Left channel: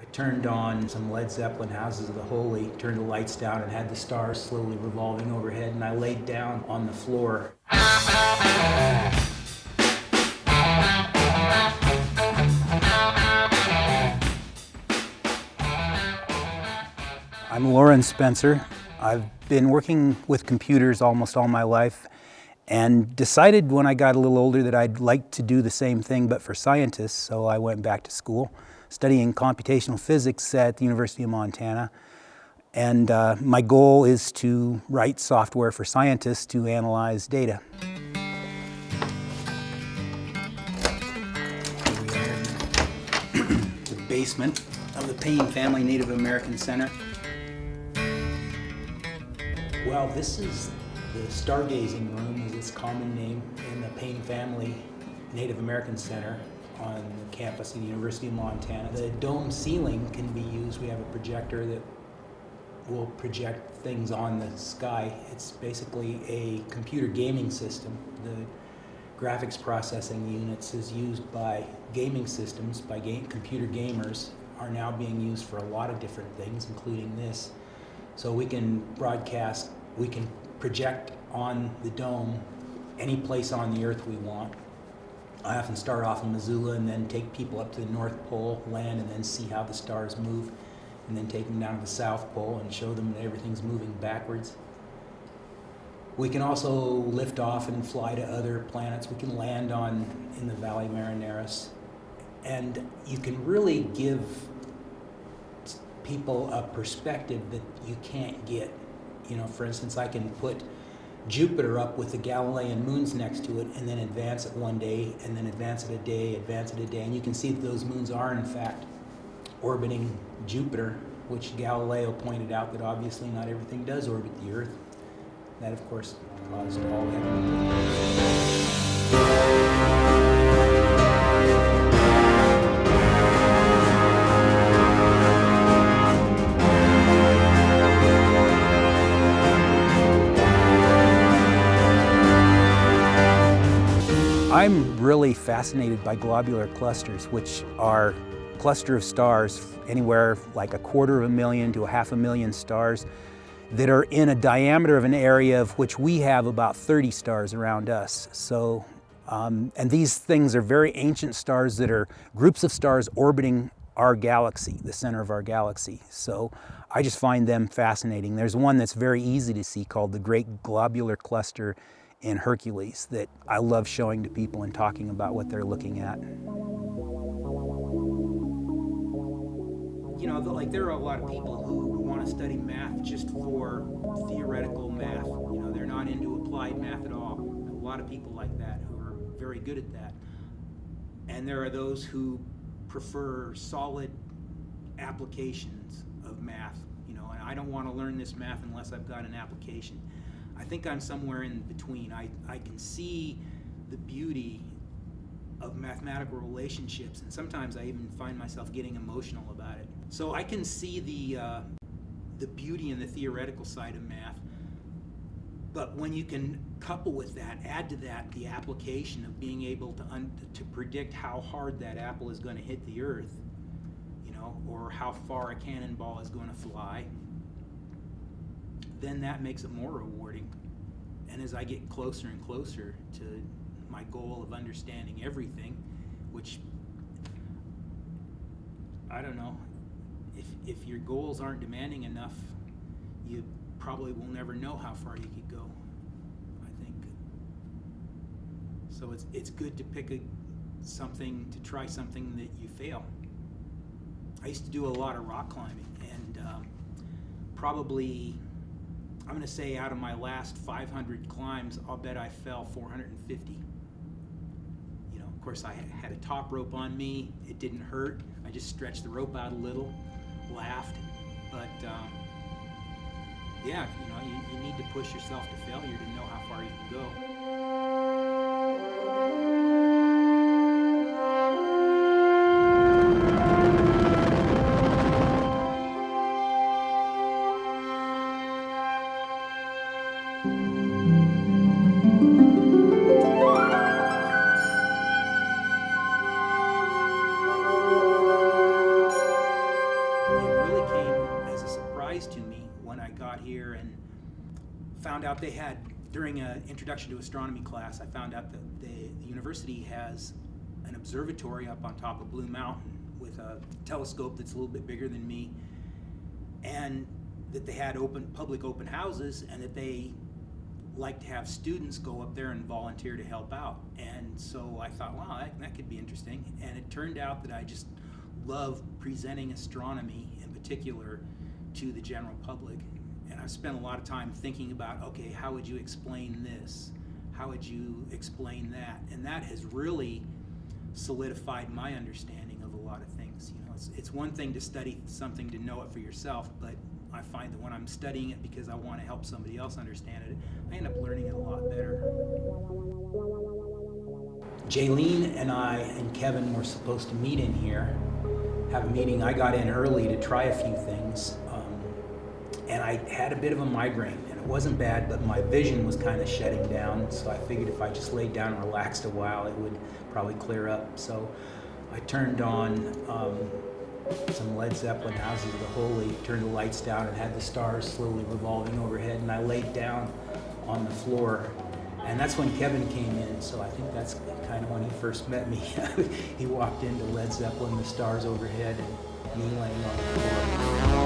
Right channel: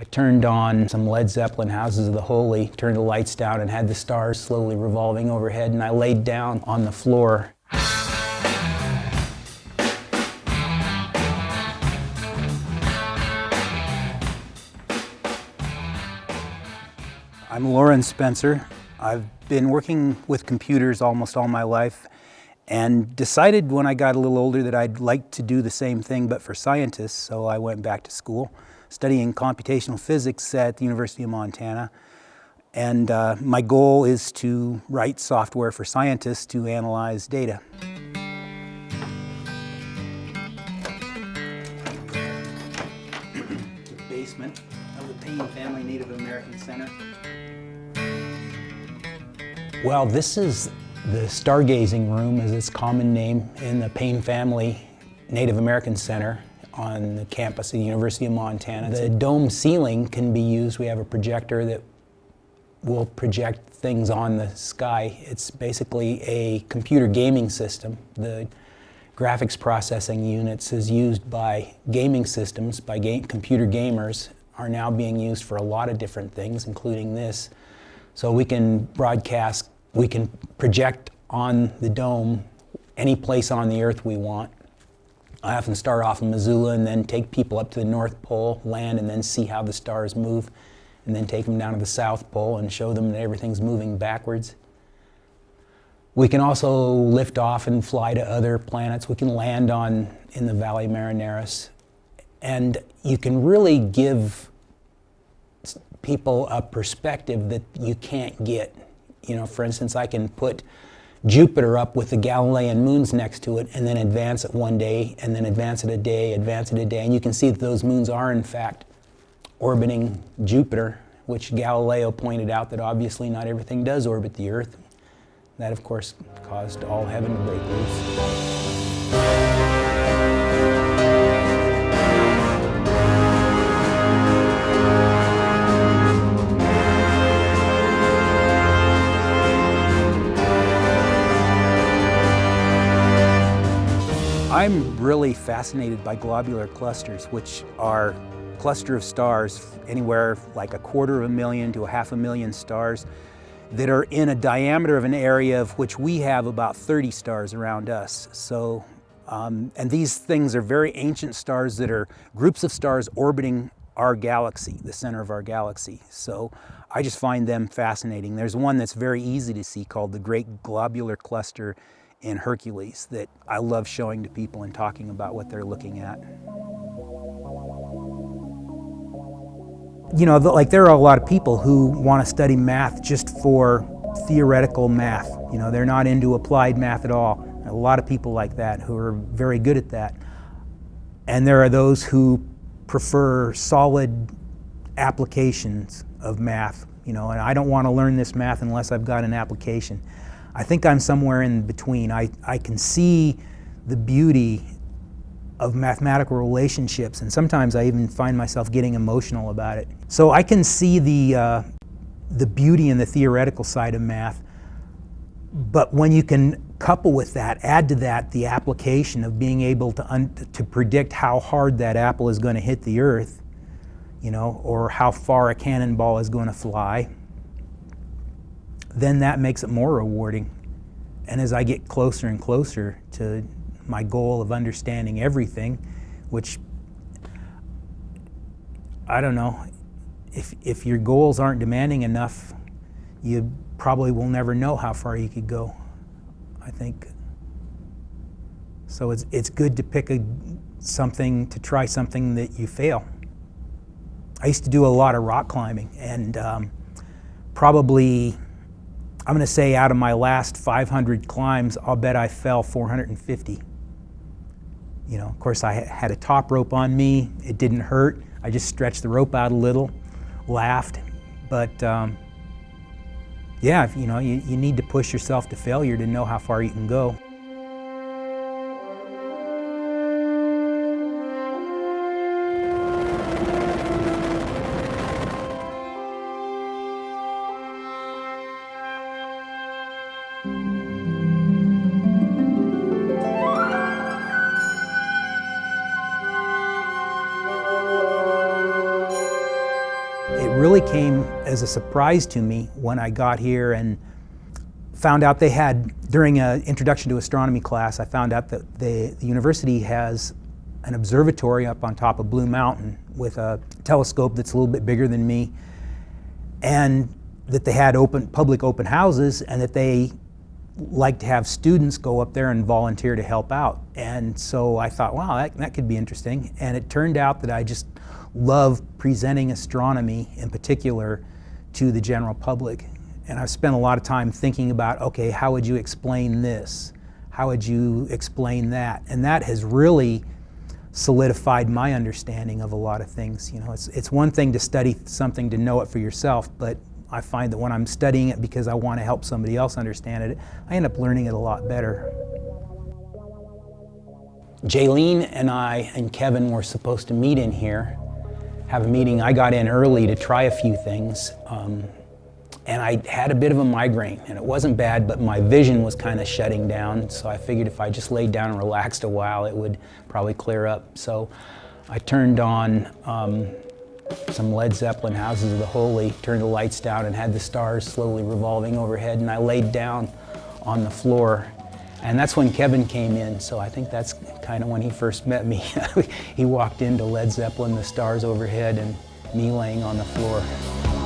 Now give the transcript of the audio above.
I turned on some Led Zeppelin Houses of the Holy, turned the lights down and had the stars slowly revolving overhead, and I laid down on the floor. I'm Loren Spencer. I've been working with computers almost all my life and decided when I got a little older that I'd like to do the same thing but for scientists, so I went back to school studying computational physics at the University of Montana. And my goal is to write software for scientists to analyze data. The basement of the Payne Family Native American Center. Well, this is the stargazing room, as its common name, in the Payne Family Native American Center on the campus of the University of Montana. The dome ceiling can be used. We have a projector that will project things on the sky. It's basically a computer gaming system. The graphics processing units is used by gaming systems, by computer gamers, are now being used for a lot of different things, including this. So we can broadcast, we can project on the dome any place on the Earth we want. I often start off in Missoula and then take people up to the North Pole, land, and then see how the stars move, and then take them down to the South Pole and show them that everything's moving backwards. We can also lift off and fly to other planets. We can land in the Valley Marineris. And you can really give people a perspective that you can't get. You know, for instance, I can put Jupiter up with the Galilean moons next to it and then advance it one day, and then advance it a day, advance it a day, and you can see that those moons are in fact orbiting Jupiter, which Galileo pointed out that obviously not everything does orbit the Earth. That, of course, caused all heaven to break loose. I'm really fascinated by globular clusters, which are a cluster of stars, anywhere like 250,000 to 500,000 stars, that are in a diameter of an area of which we have about 30 stars around us. So, and these things are very ancient stars that are groups of stars orbiting our galaxy, the center of our galaxy. So I just find them fascinating. There's one that's very easy to see called the Great Globular Cluster in Hercules that I love showing to people and talking about what they're looking at. You know, like there are a lot of people who want to study math just for theoretical math. You know, they're not into applied math at all. A lot of people like that who are very good at that. And there are those who prefer solid applications of math. You know, and I don't want to learn this math unless I've got an application. I think I'm somewhere in between. I can see the beauty of mathematical relationships, and sometimes I even find myself getting emotional about it. So I can see the beauty in the theoretical side of math, but when you can couple with that, add to that the application of being able to predict how hard that apple is going to hit the Earth, you know, or how far a cannonball is going to fly, then that makes it more rewarding. And as I get closer and closer to my goal of understanding everything, which, I don't know, if your goals aren't demanding enough, you probably will never know how far you could go, I think. So it's good to pick to try something that you fail. I used to do a lot of rock climbing, and probably, I'm going to say out of my last 500 climbs, I'll bet I fell 450. You know, of course, I had a top rope on me. It didn't hurt. I just stretched the rope out a little, laughed. But yeah, you know, you need to push yourself to failure to know how far you can go. really came as a surprise to me when I got here and found out they had, during an introduction to astronomy class, I found out that the university has an observatory up on top of Blue Mountain with a telescope that's a little bit bigger than me, and that they had public open houses, and that they like to have students go up there and volunteer to help out. And so I thought, wow, that could be interesting. And it turned out that I just love presenting astronomy in particular to the general public. And I've spent a lot of time thinking about, okay, how would you explain this? How would you explain that? And that has really solidified my understanding of a lot of things. You know, it's one thing to study something to know it for yourself, but I find that when I'm studying it because I want to help somebody else understand it, I end up learning it a lot better. Jaylene and I and Kevin were supposed to meet in here, have a meeting. I got in early to try a few things, and I had a bit of a migraine, and it wasn't bad, but my vision was kind of shutting down, so I figured if I just laid down and relaxed a while, it would probably clear up. So I turned on some Led Zeppelin, Houses of the Holy, turned the lights down and had the stars slowly revolving overhead, and I laid down on the floor. And that's when Kevin came in, so I think that's kind of when he first met me. He walked into Led Zeppelin, the stars overhead, and me laying on the floor.